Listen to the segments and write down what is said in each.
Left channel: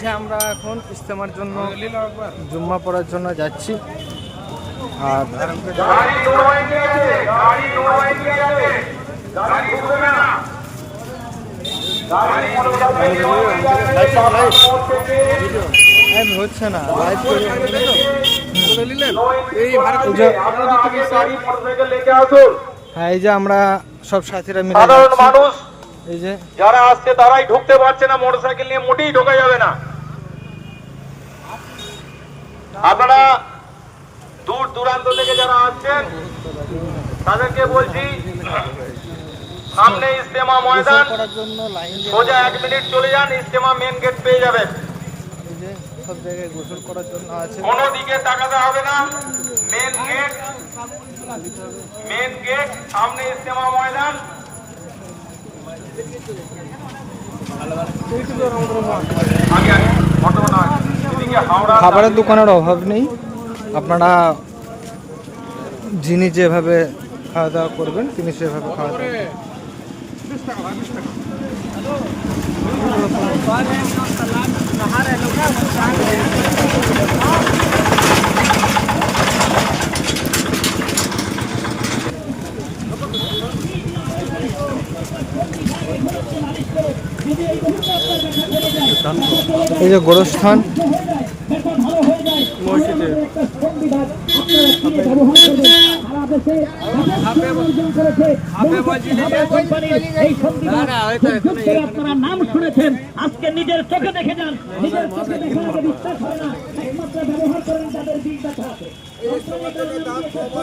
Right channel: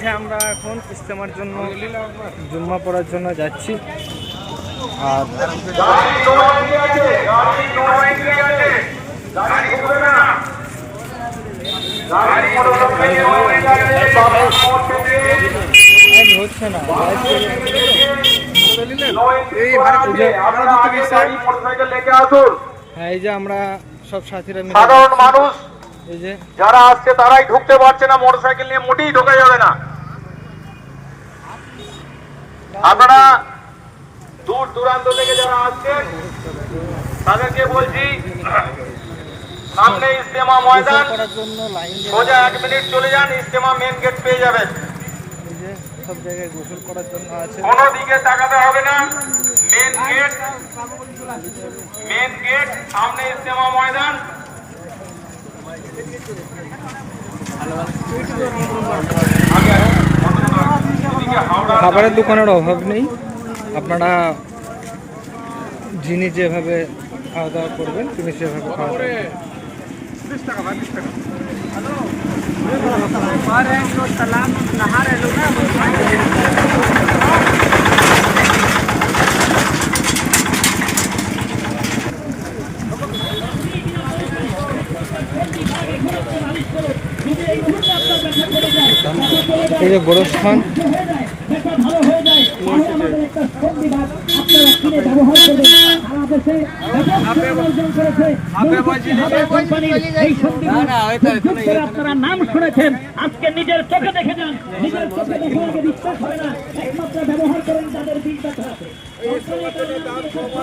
যে আমরা এখন ইস্তেমার জন্য জুম্মা পড়ার জন্য যাচ্ছি। আর হচ্ছে না এই যে আমরা সব সাথীরা মিলে সাধারণ মানুষ এই যে যারা আসছে তারাই ঢুকতে পারছে না, মোটরসাইকেল নিয়ে মোটেই ঢোকা যাবে না। আপনারা দূর দূরান্ত থেকে যারা আসছেন তাদেরকে বলছি, সামনে ইস্তেমা ময়দান, করার জন্য লাইন দিয়ে সোজা 1 মিনিট চলে যান, ইস্তেমা মেন গেট পেয়ে যাবেন। এই যে সব জায়গায় গোসল করার জন্য আছে। কোনো দিকে তাকাতে হবে না, মেন গেট সামনে ইস্তেমা ময়দান। খাবারের দোকানের অভাব নেই, আপনারা যিনি যেভাবে খাওয়া দাওয়া করবেন তিনি সেভাবে খাওয়া দাওয়া করবেন। এই যে গোরস্থান, আপনারা নাম শুনেছেন, আজকে নিজের চোখে দেখে যান, নিজের চোখে দেখে আগে বিশ্বাস হয় না, একমাত্র ব্যবহার করেন তাদের বীজ ব্যথা আছে।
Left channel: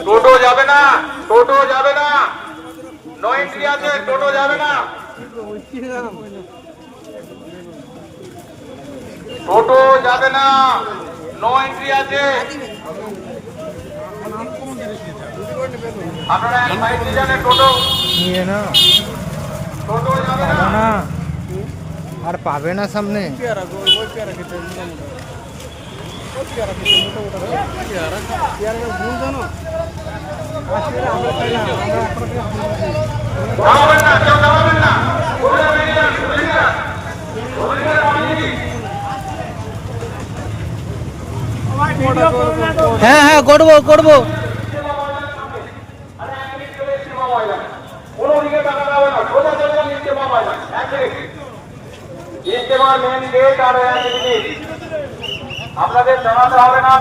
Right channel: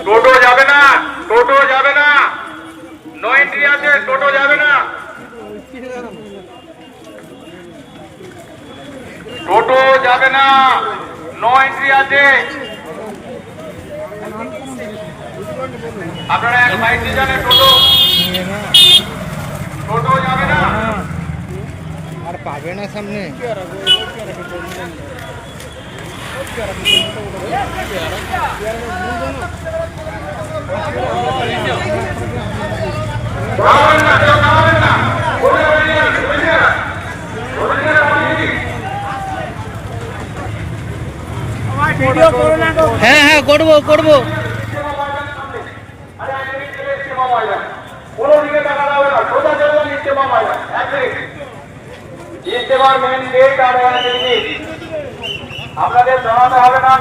টোটো যাবে না, টোটো যাবে না, নো এন্ট্রি আছে, টোটো যাবে না, টোটো যাবে না, নো এন্ট্রি আছে। আপনারা এক সাইডে যান, টোটো নিয়ে না টোটো যাবে না। আর পাবে না সামনে। হ্যাঁ হ্যাঁ করবো করবো। কোনো দিকে টাকা যাবে না, সোজা চলে যান ইস্তেমা ময়দান। ইস্তেমার মেন গেট আর আপনাদের জানাতে হবে না।